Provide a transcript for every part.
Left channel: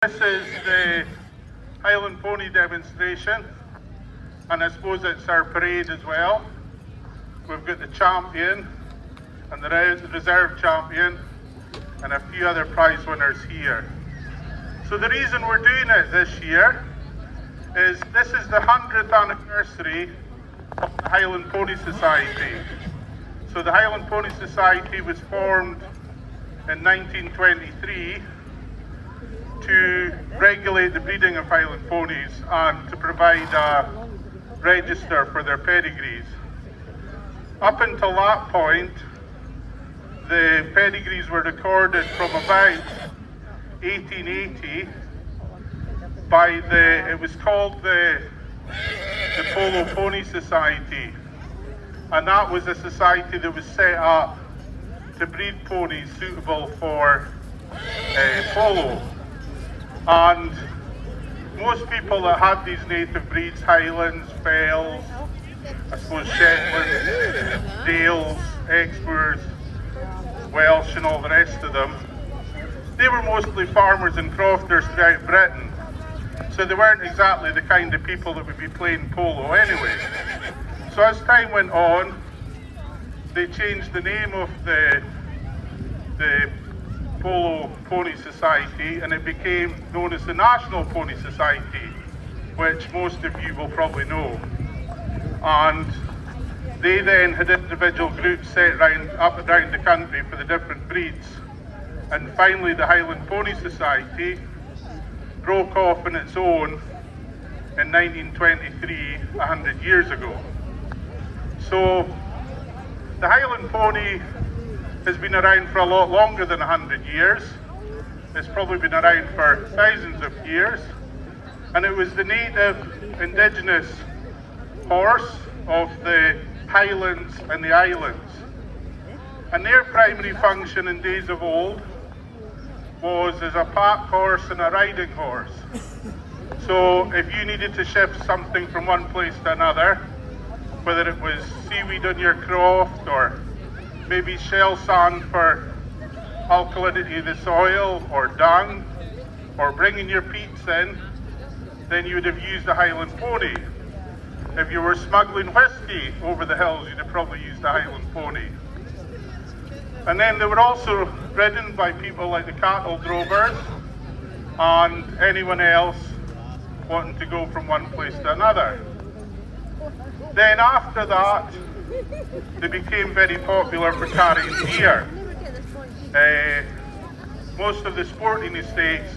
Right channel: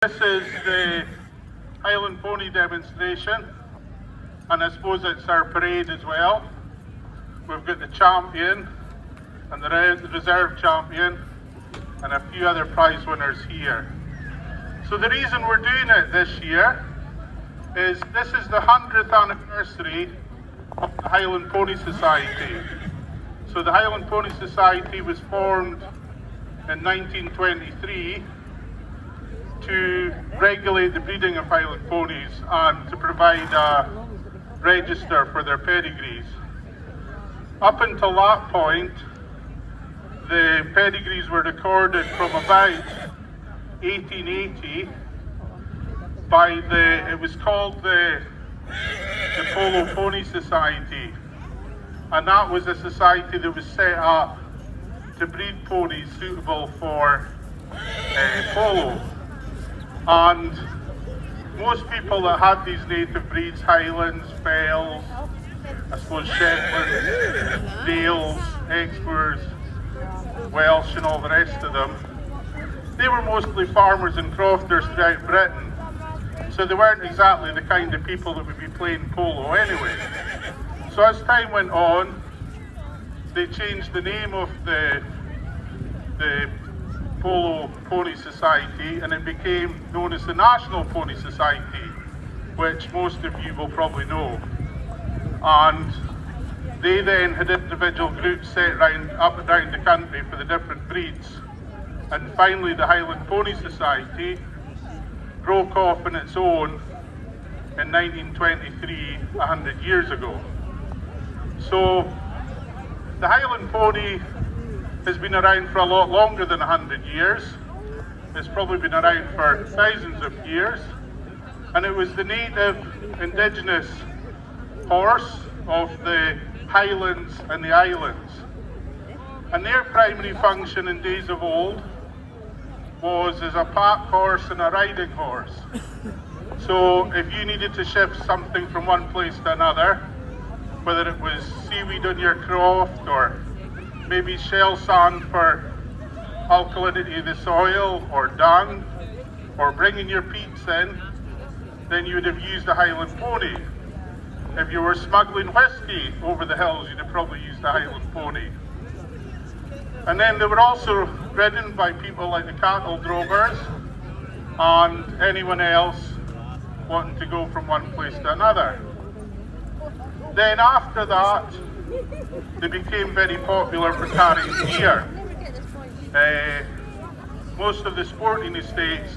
This is the Highland Pony demonstration, and I suppose it's our parade as well. We've got the champion and the reserve champion and a few other prize winners here. So the reason we're doing it this year is this is the 100th anniversary of the Highland Pony Society. So the Highland Pony Society was formed in 1923 to regulate the breeding of Highland ponies and to provide a register for their pedigrees. Up until that point, the pedigrees were recorded from about 1880 by it was called the Polo Pony Society, and that was a society that was set up to breed ponies suitable for polo. And most people that had these native breeds, Highlands, Fells, I suppose Shetlands, Dales, Exmoors, Welsh and all the rest of them, they were mostly farmers and crofters throughout Britain. So they weren't exactly the kind of people that would be playing polo anyway. So as time went on, they changed the name of the Polo Pony Society, and it became known as the National Pony Society, which most of you will probably know. And they then had individual groups set up and down the country for the different breeds. And finally the Highland Pony Society broke off on its own in 1923, 100 years ago. So the Highland Pony has been around for a lot longer than 100 years. It's probably been around for thousands of years. And it was the native indigenous horse of the Highlands and the Islands. And their primary function in days of old was as a pack horse and a riding horse. So if you needed to shift something from one place to another, whether it was seaweed on your croft or maybe shell sand for alkalinity of the soil, or dung, or bringing your peats in, then you would have used a Highland pony. If you were smuggling whiskey over the hills, you'd have probably used a Highland pony. And then they were also ridden by people like the cattle drovers and anyone else wanting to go from one place to another. Then after that, they became very popular for carrying deer. Most of the sporting estates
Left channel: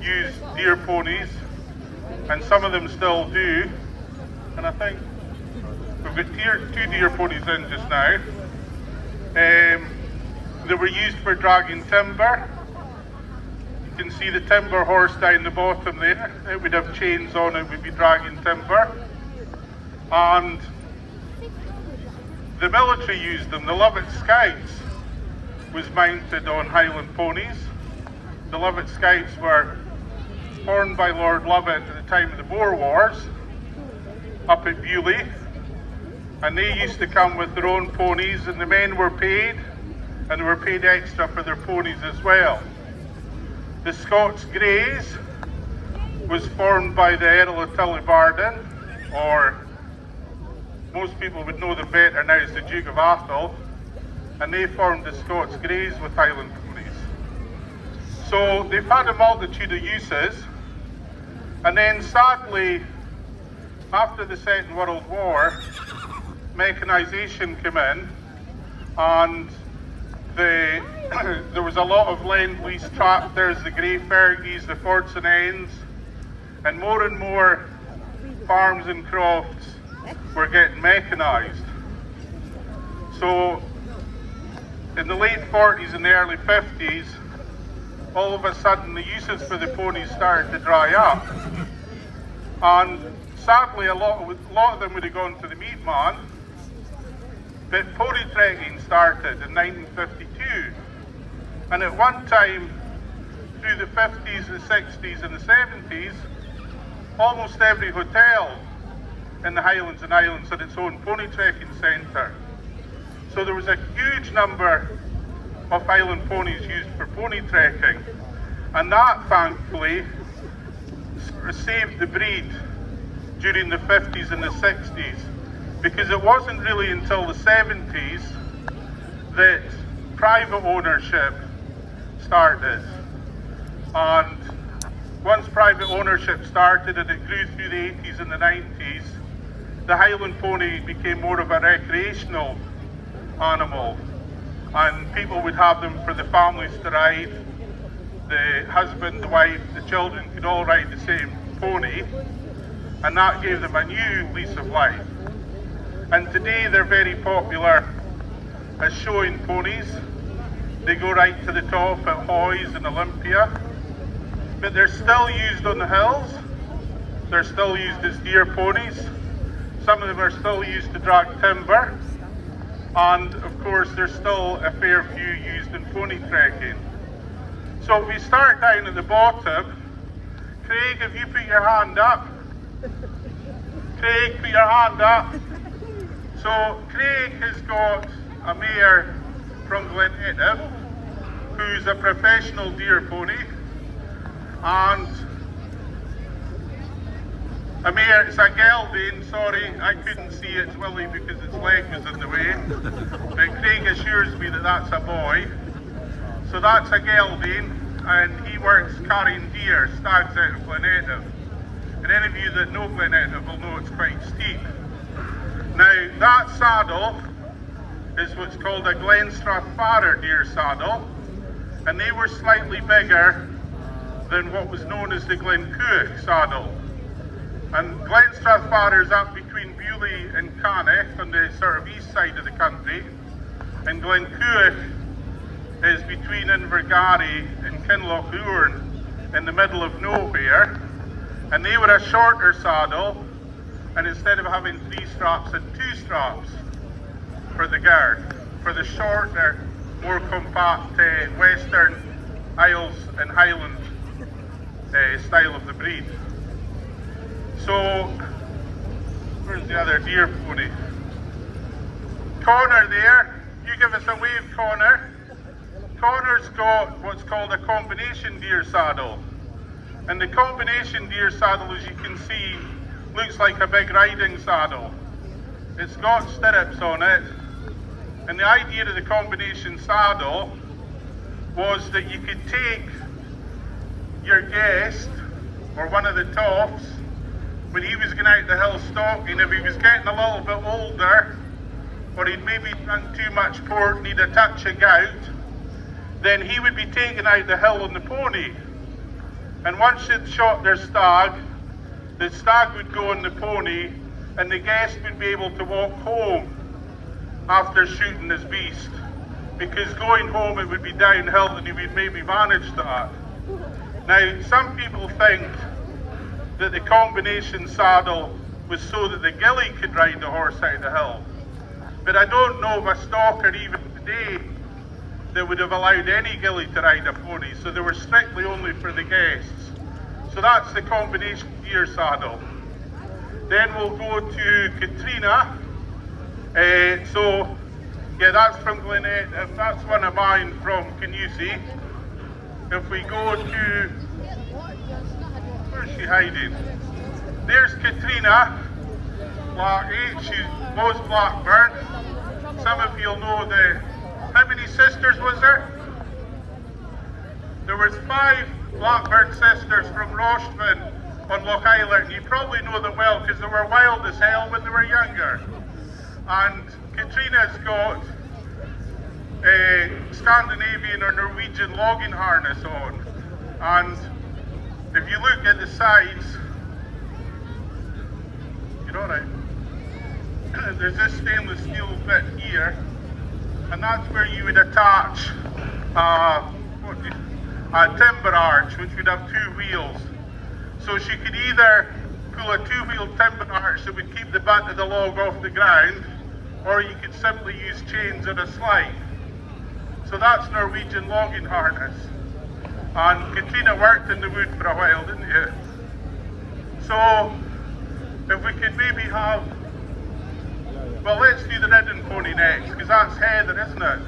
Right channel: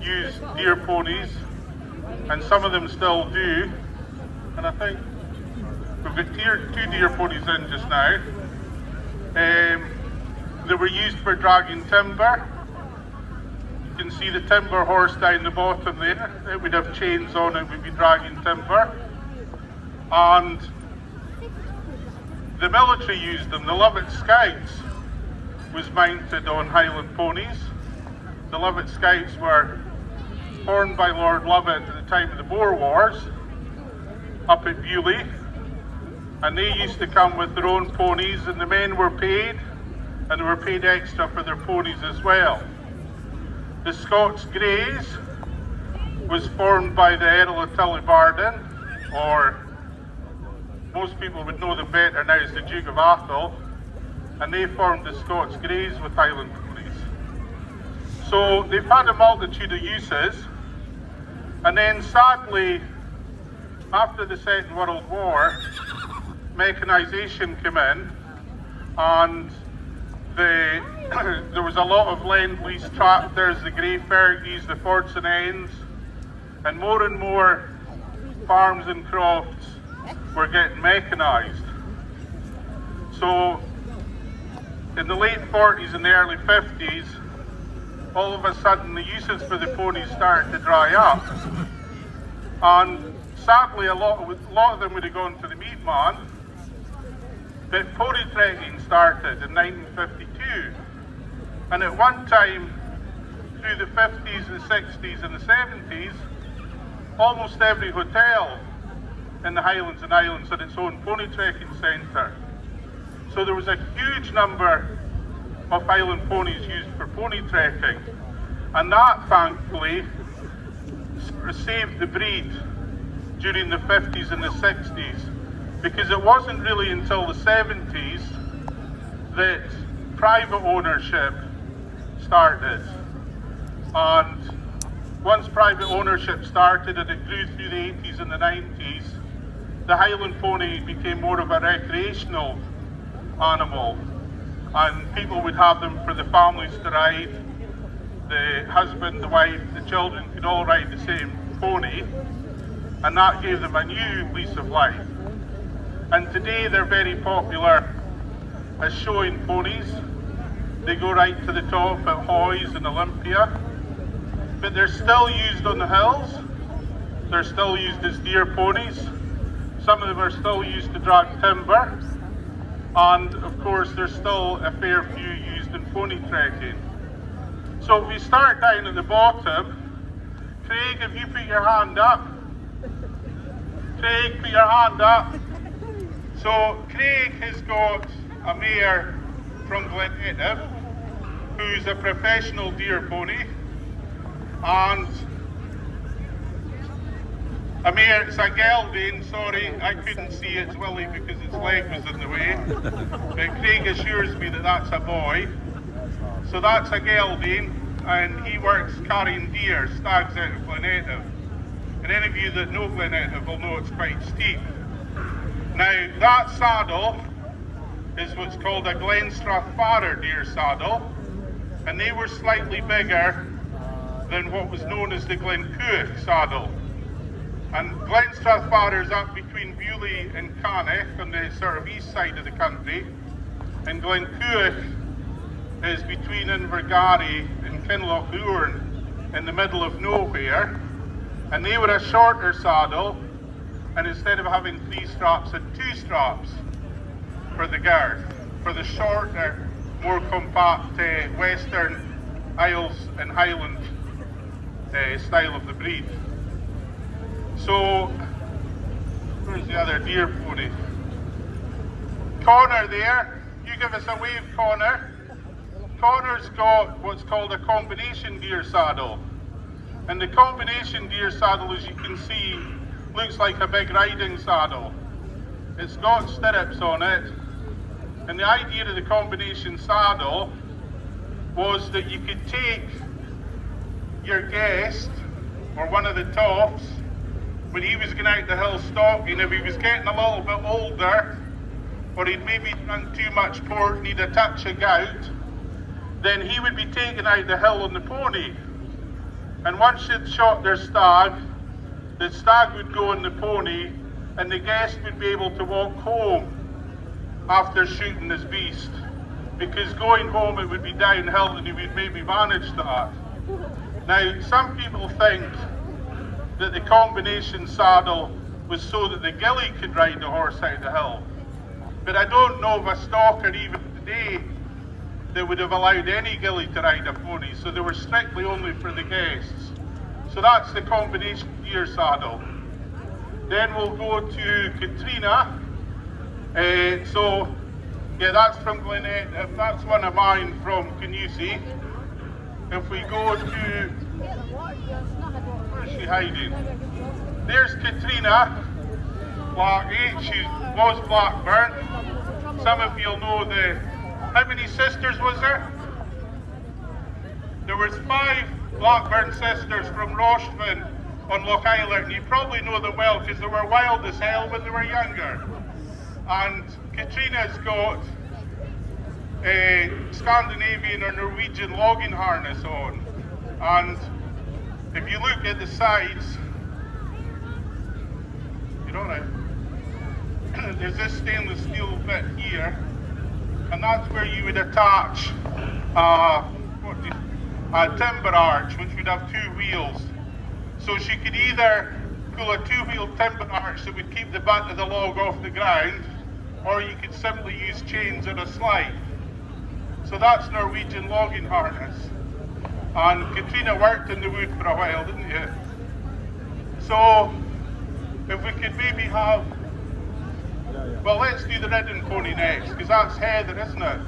use deer ponies, and some of them still do. And I think we've got two deer ponies in just now. They were used for dragging timber. You can see the timber horse down the bottom there. It would have chains on it, would be dragging timber. And the military used them. The Lovat Scouts was mounted on Highland ponies. The Lovat Scouts were formed by Lord Lovat at the time of the Boer Wars up at Beaulieu, and they used to come with their own ponies, and the men were paid, and they were paid extra for their ponies as well. The Scots Greys was formed by the Earl of Tullibardine, or most people would know them better now as the Duke of Atholl, and they formed the Scots Greys with Highland ponies. So they've had a multitude of uses, and then sadly, after the Second World War, mechanisation came in, and there was a lot of Lend-Lease tractors, the Grey Fergies, the Fords and Ends, and more farms and crofts were getting mechanised. So in the late 40s and the early 50s, all of a sudden the uses for the ponies started to dry up. And sadly a lot of them would have gone to the meat man, but pony trekking started in 1952. And at one time, through the 50s, the 60s and the 70s, almost every hotel in the Highlands and Islands had its own pony trekking centre. So there was a huge number of Highland ponies used for pony trekking. And that, thankfully, saved the breed during the 50s and the 60s, because it wasn't really until the 70s that private ownership started. And once private ownership started and it grew through the 80s and the 90s, the Highland pony became more of a recreational animal, and people would have them for the families to ride. The husband, the wife, the children could all ride the same pony, and that gave them a new lease of life. And today they're very popular as showing ponies. They go right to the top at Hoys and Olympia, but they're still used on the hills. They're still used as deer ponies. Some of them are still used to drag timber, and of course there's still a fair few used in pony trekking. So if we start down at the bottom, Craig, if you put your hand up. Craig, put your hand up. So Craig has got a mare from Glenedda, who's a professional deer pony, and a mare, it's a gelding, sorry, I couldn't see its Willie because its leg was in the way, but Craig assures me that that's a boy. So that's a gelding, and he works carrying deer, stags out of Glenedda. And any of you that know Glenedda will know it's quite steep. Now, that saddle is what's called a Glenstrathfarer deer saddle, and they were slightly bigger than what was known as the Glencoach saddle. And Glenstrathfarer is up between Bewley and Cannock on the sort of east side of the country, and Glencoach is between Invergarry and Kinlochgourn in the middle of nowhere. And they were a shorter saddle, and instead of having 3 straps and 2 straps for the girth, for the shorter, more compact Western Isles and Highland style of the breed. So, where's the other deer pony? Connor there, you give us a wave, Connor. Connor's got what's called a combination deer saddle. And the combination deer saddle, as you can see, looks like a big riding saddle. It's got stirrups on it. And the idea of the combination saddle was that you could take your guest, or one of the tops, when he was going out the hill stalking, if he was getting a little bit older, or he'd maybe done too much port, need a touch of gout, then he would be taken out the hill on the pony. And once they'd shot their stag, the stag would go on the pony, and the guest would be able to walk home after shooting his beast. Because going home it would be downhill, and he would maybe manage that. Now, some people think that the combination saddle was so that the gillie could ride the horse out the hill. But I don't know of a stalker even today that would have allowed any gillie to ride a pony, so they were strictly only for the guests. So that's the combination deer saddle. Then we'll go to Katrina. So, yeah, that's from Glenedda. That's one of mine from Kingussie. If we go to, where's she hiding? There's Katrina, Blackie. She was Blackburn. Some of you'll know how many sisters was there? There was 5 Blackburn sisters from Roshman on Lochaber. You probably know them well because they were wild as hell when they were younger. And Katrina's got a Scandinavian or Norwegian logging harness on. And if you look at the sides, you're all right. There's this stainless steel bit here, and that's where you would attach a timber arch, which would have 2 wheels. So she could either pull a 2-wheel timber arch that would keep the butt of the log off the ground, or you could simply use chains on a slide. So that's Norwegian logging harness. And Katrina worked in the wood for a while, didn't you? So, if we could maybe have, well, let's do the ridden pony next, because that's Heather, isn't it?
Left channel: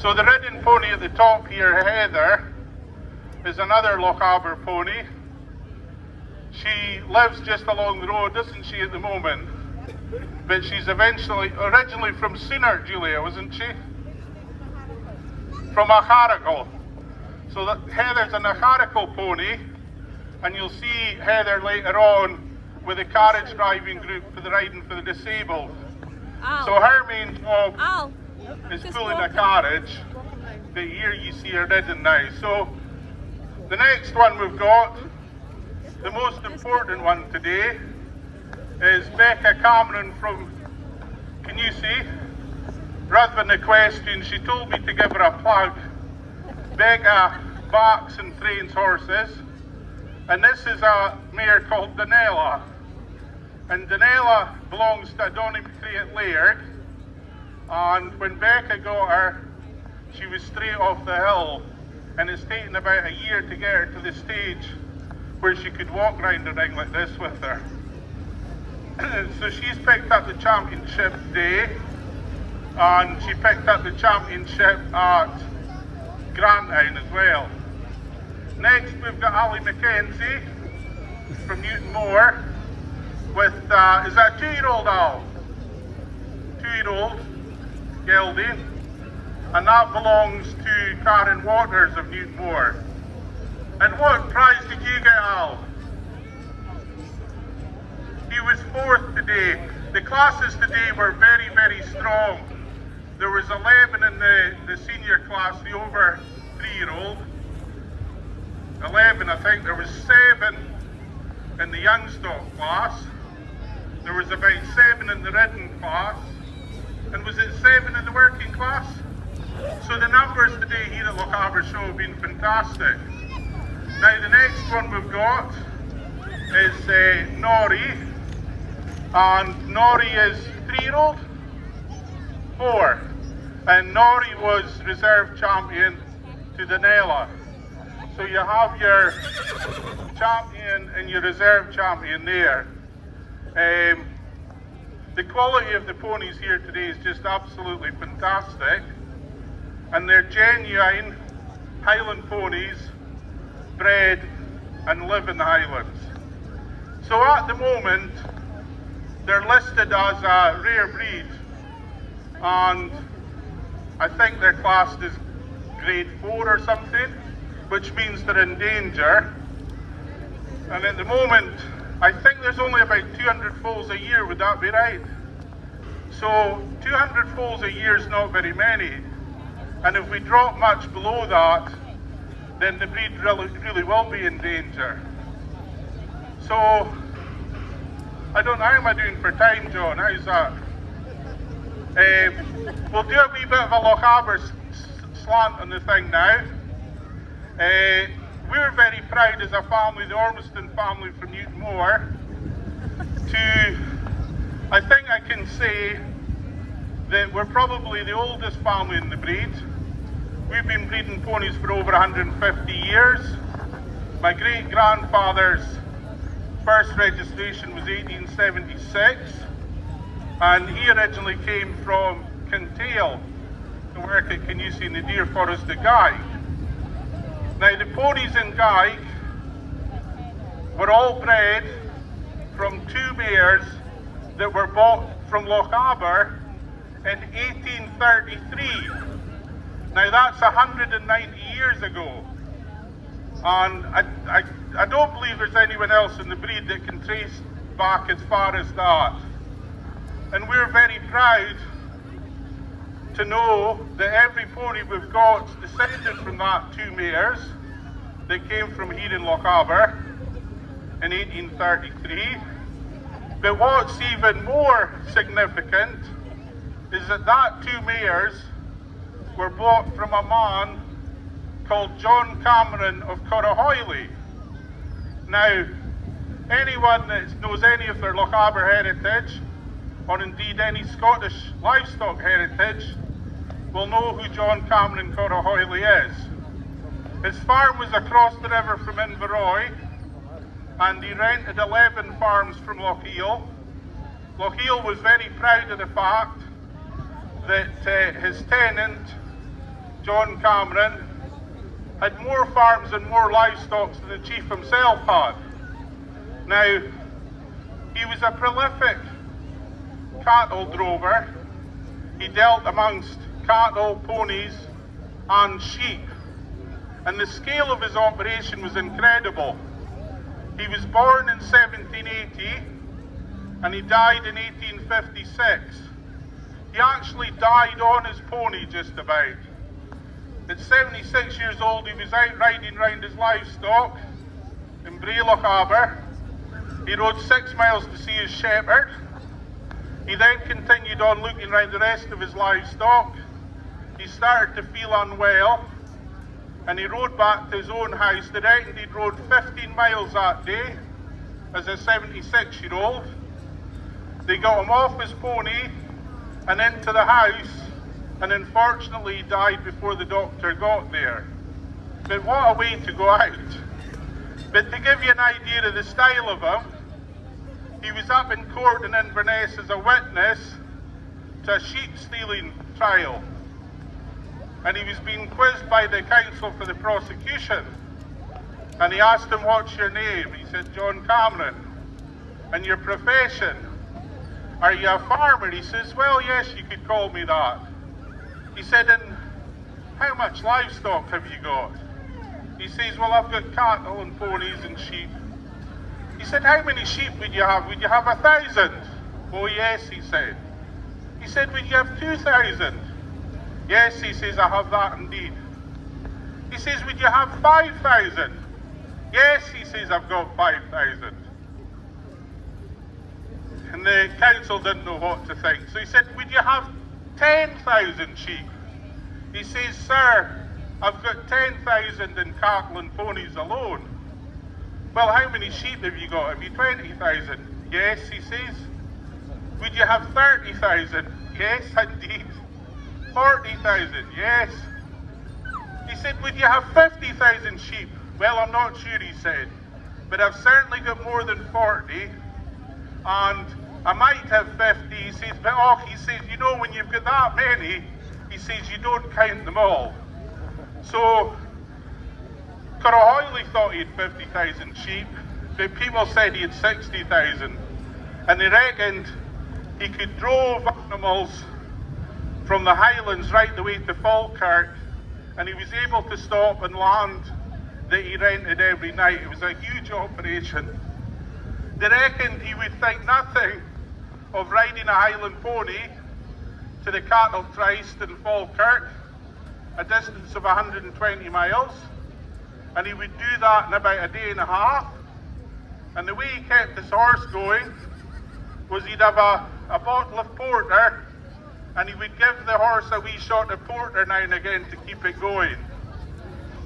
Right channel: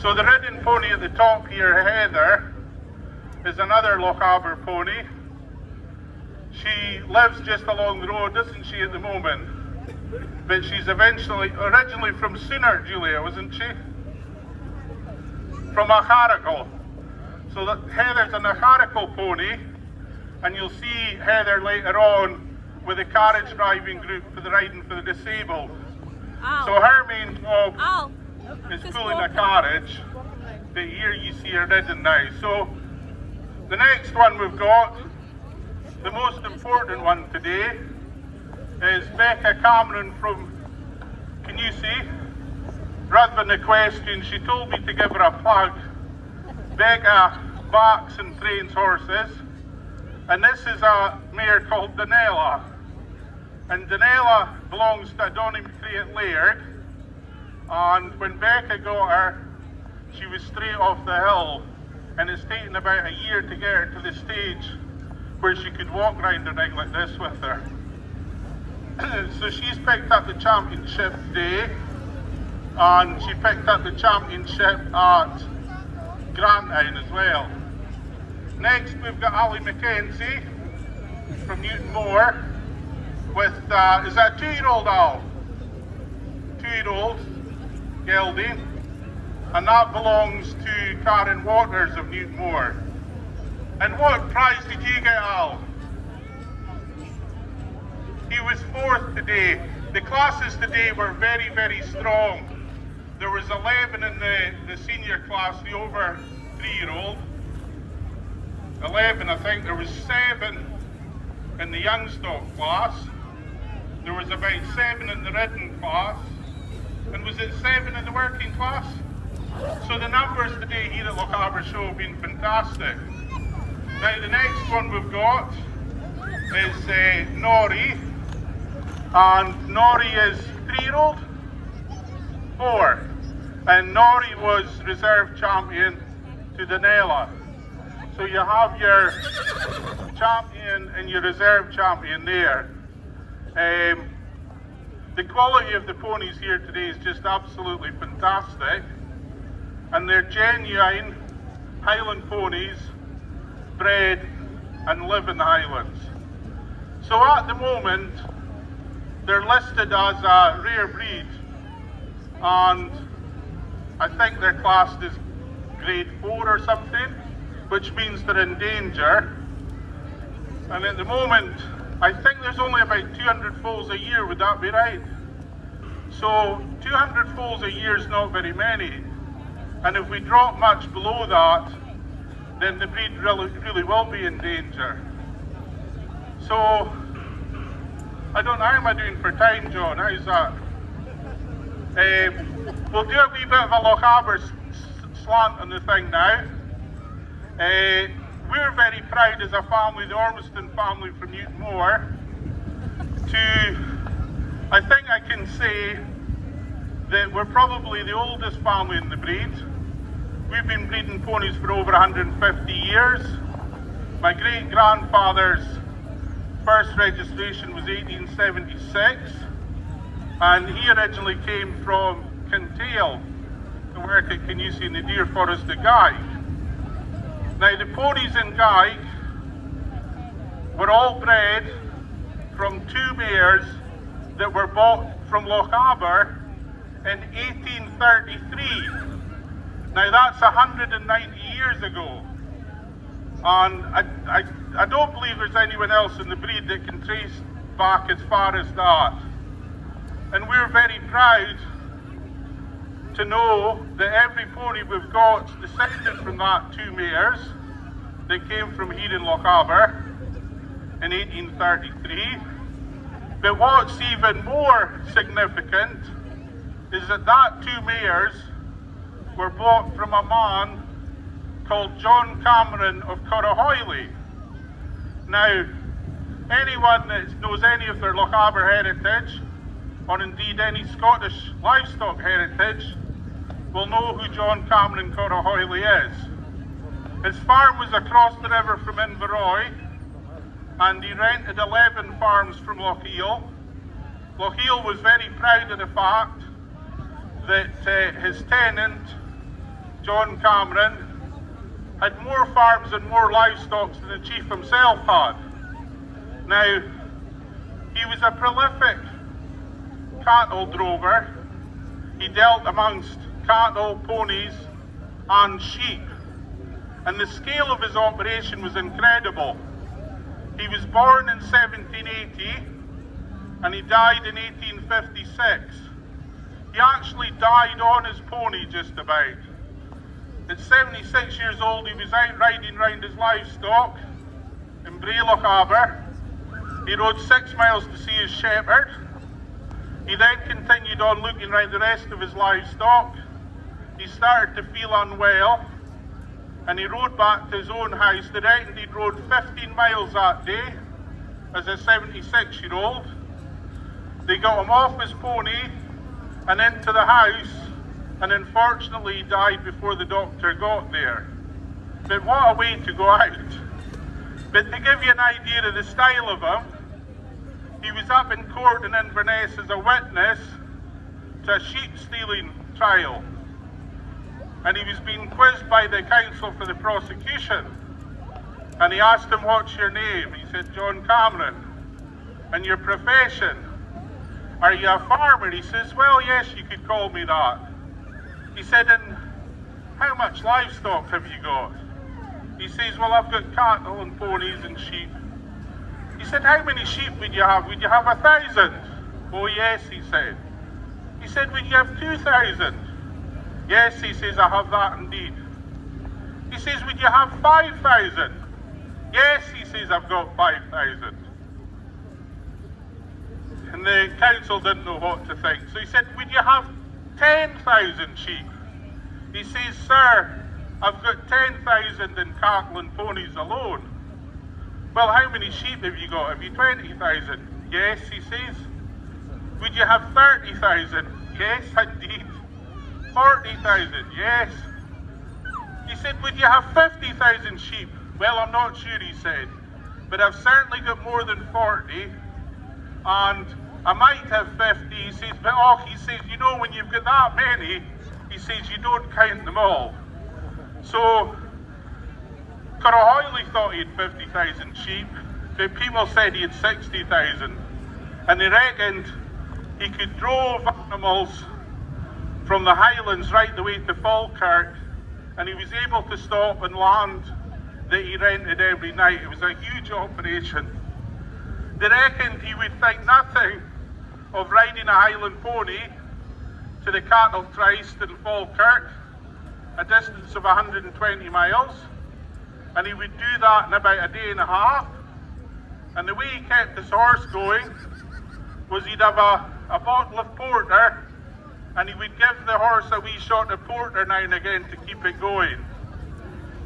So the ridden pony at the top here, Heather, is another Lochaber pony. She lives just along the road, isn't she, at the moment? But she's originally from Sooner, Julia, wasn't she? From Acharical. So that Heather's an Acharical pony, and you'll see Heather later on with a carriage driving group for the riding for the disabled. Ow. So her main job Ow. is pulling a carriage, but here you see her ridden now. So the next one we've got, the most important one today, is Becca Cameron from Kingussie. Rather than a question, she told me to give her a plug. Becca backs and trains horses, and this is a mare called Danella. And Danella belongs to Donny McCrea Laird, and when Becca got her, she was straight off the hill, and it's taken about a year to get her to the stage where she could walk round the ring like this with her. So she's picked up the championship today, and she picked up the championship at Grantown as well. Next we've got Ali Mackenzie from Newtonmore with, is that a 2-year-old Al? 2-year-old gelding, and that belongs to Karen Waters of Newtonmore. And what prize did you get, Al? He was 4th today. The classes today were very, very strong. There was 11 in the senior class, the over 3-year-old. 11, I think. There was 7 in the young stock class. There was about 7 in the ridden class. And was it 7 in the working class? So the numbers today here at Lochaber Show have been fantastic. Now the next one we've got is Nori. And Nori is 3-year-old? 4. And Nori was reserve champion to Danella. So you have your champion and your reserve champion there. The quality of the ponies here today is just absolutely fantastic. And they're genuine Highland ponies, bred and live in the Highlands. So at the moment, they're listed as a rare breed, and I think they're classed as grade 4 or something, which means they're in danger. And at the moment, I think there's only about 200 foals a year, would that be right? So 200 foals a year is not very many, and if we drop much below that, then the breed really will be in danger. So, I don't know, how am I doing for time, John? How's that? We'll do a wee bit of a Lochaber slant on the thing now. We're very proud as a family, the Ormiston family from Newtonmore, I think I can say that we're probably the oldest family in the breed. We've been breeding ponies for over 150 years. My great-grandfather's first registration was 1876, and he originally came from Kintail to work at Kingussie in the deer forest of Gaick. Now the ponies in Gaick were all bred from 2 mares that were bought from Lochaber in 1833. Now that's 190 years ago. And I don't believe there's anyone else in the breed that can trace back as far as that. And we're very proud to know that every pony we've got descended from that 2 mares that came from here in Lochaber in 1833. But what's even more significant is that 2 mares were bought from a man called John Cameron of Corriehoillie. Now, anyone that knows any of their Lochaber heritage, or indeed any Scottish livestock heritage, will know who John Cameron Corriehoillie is. His farm was across the river from Inverroy, and he rented 11 farms from Lochiel. Lochiel was very proud of the fact that his tenant, John Cameron, had more farms and more livestock than the chief himself had. Now, he was a prolific cattle drover. He dealt amongst cattle, ponies and sheep. And the scale of his operation was incredible. He was born in 1780 and he died in 1856. He actually died on his pony just about. At 76 years old, he was out riding round his livestock in Lochaber. He rode 6 miles to see his shepherd. He then continued on looking round the rest of his livestock. He started to feel unwell and he rode back to his own house. They reckoned he'd rode 15 miles that day as a 76-year-old. They got him off his pony and into the house, and unfortunately he died before the doctor got there. But what a way to go out. But to give you an idea of the style of him, he was up in court in Inverness as a witness to a sheep stealing trial. And he was being quizzed by the counsel for the prosecution. And he asked him, "What's your name?" He said, "John Cameron." "And your profession?" "Are you a farmer?" He says, "Well, yes, you could call me that." He said, "And how much livestock have you got?" He says, "Well, I've got cattle and ponies and sheep." He said, "How many sheep would you have? Would you have 1,000? "Oh, yes," he said. He said, "Would you have 2,000? "Yes," he says, "I have that indeed." He says, "Would you have 5,000? "Yes," he says, "I've got 5,000. And the council didn't know what to think. So he said, "Would you have 10,000 sheep? He says, "Sir, I've got 10,000 in cattle and ponies alone." "Well, how many sheep have you got? Have you 20,000? "Yes," he says. "Would you have 30,000? "Yes, indeed." 40,000? "Yes." He said, "Would you have 50,000 sheep?" "Well, I'm not sure," he said, "but I've certainly got more than 40, and I might have 50. He says, "But off," he says, "you know, when you've got that many," he says, "you don't count them all." So Corriehoillie thought he had 50,000 sheep, but people said he had 60,000, and they reckoned he could drove animals from the Highlands right the way to Falkirk, and he was able to stop and land that he rented every night. It was a huge operation. They reckoned he would think nothing of riding a Highland pony to the cattle tryst in Falkirk, a distance of 120 miles, and he would do that in about a day and a half. And the way he kept his horse going was he'd have a bottle of porter, and he would give the horse a wee shot of porter now and again to keep it going.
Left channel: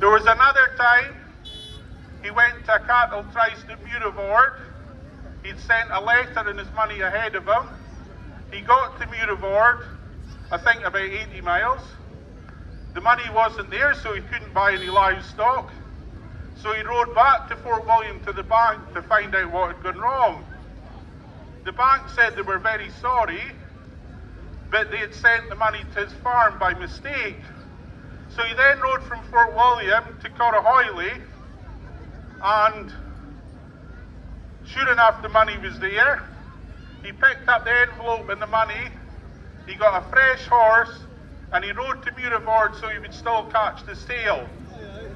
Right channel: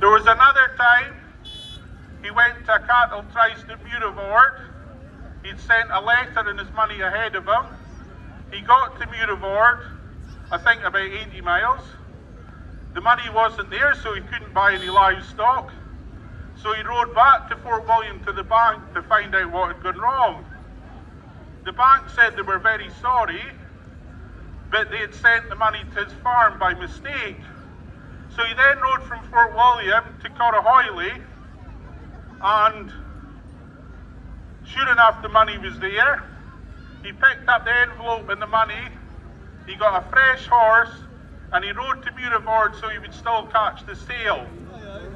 There was another time he went to a cattle tryst at Ruaridh. He'd sent a letter and his money ahead of him. He got to Ruaridh, I think about 80 miles. The money wasn't there, so he couldn't buy any livestock. So he rode back to Fort William to the bank to find out what had gone wrong. The bank said they were very sorry, but they had sent the money to his farm by mistake. So he then rode from Fort William to Corriehoillie, and sure enough, the money was there. He picked up the envelope and the money. He got a fresh horse, and he rode to Ruaridh so he would still catch the sale.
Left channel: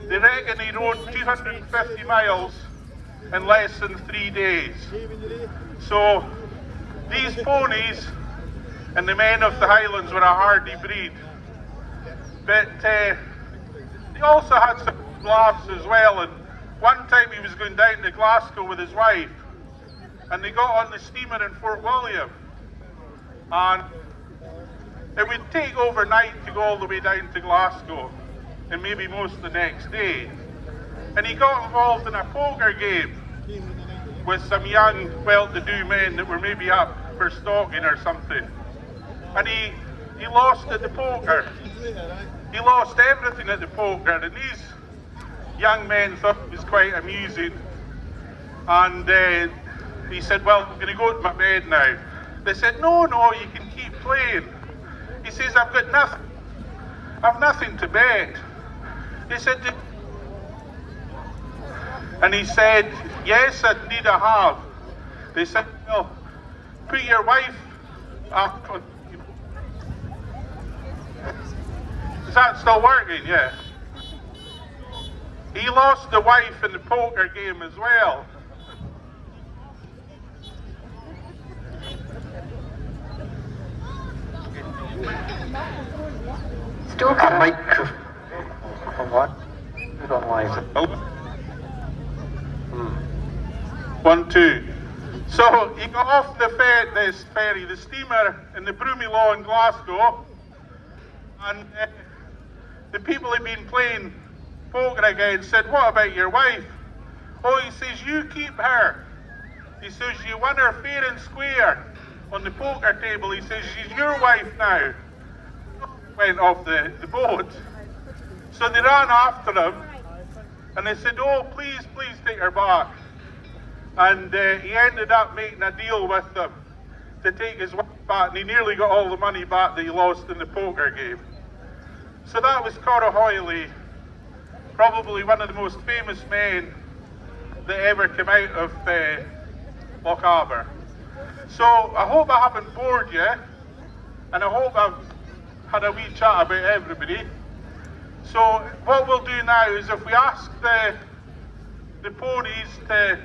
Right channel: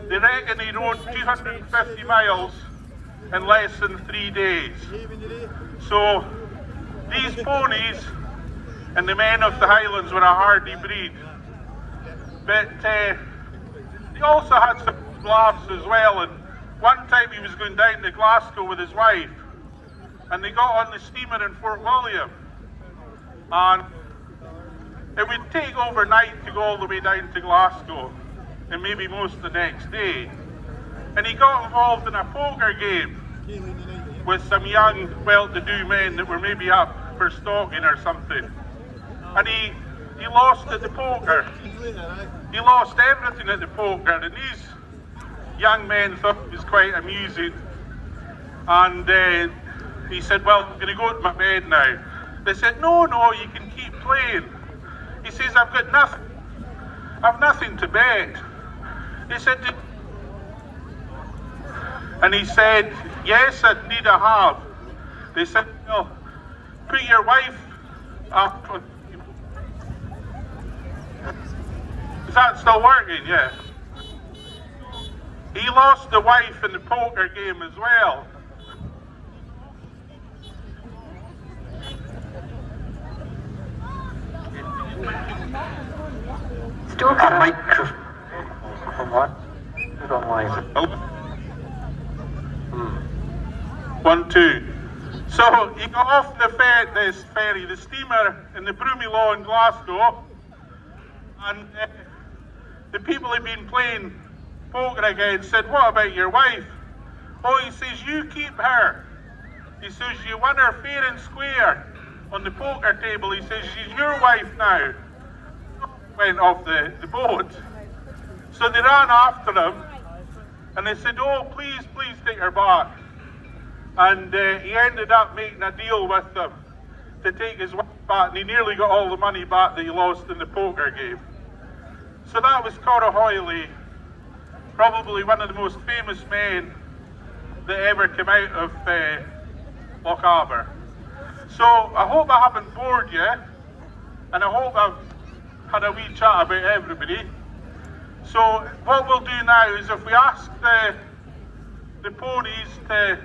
They reckon he rode 250 miles in less than 3 days. So these ponies and the men of the Highlands were a hardy breed. But they also had some laughs as well. And one time he was going down to Glasgow with his wife, and they got on the steamer in Fort William, and it would take overnight to go all the way down to Glasgow, and maybe most of the next day. And he got involved in a poker game with some young, well-to-do men that were maybe up for stalking or something. And he lost at the poker. He lost everything at the poker, and these young men thought it was quite amusing. And he said, "Well, I'm going to go to my bed now." They said, no, you can keep playing." He says, I've nothing to bet." They said, And he said, yes, indeed I have. They said, well, put your wife up. Is that still working? Yeah. He lost the wife in the poker game as well. Still got a microphone. What? I don't like it. Oh. 1, 2. So he got off this ferry, the steamer in the Broomielaw in Glasgow, and the people he'd been playing poker against said, what about your wife? Oh, he says, you keep her. He says, you won her fair and square on the poker table. He says, she's your wife now. Went off the boat. So they ran after him, and they said, oh, please take her back. And he ended up making a deal with them to take his wife back, and he nearly got all the money back that he lost in the poker game. So that was Corriehoillie, probably one of the most famous men that ever came out of Lochaber. So I hope I haven't bored you, and I hope I've had a wee chat about everybody. So what we'll do now is, if we ask the ponies to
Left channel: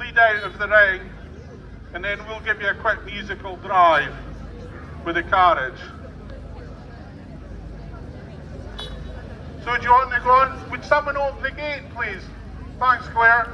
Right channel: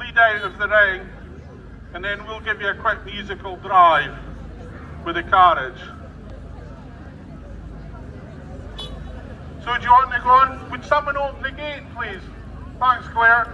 lead out of the ring, and then we'll give you a quick musical drive with the carriage. So do you want to go on? Would someone open the gate, please? Thanks, Claire.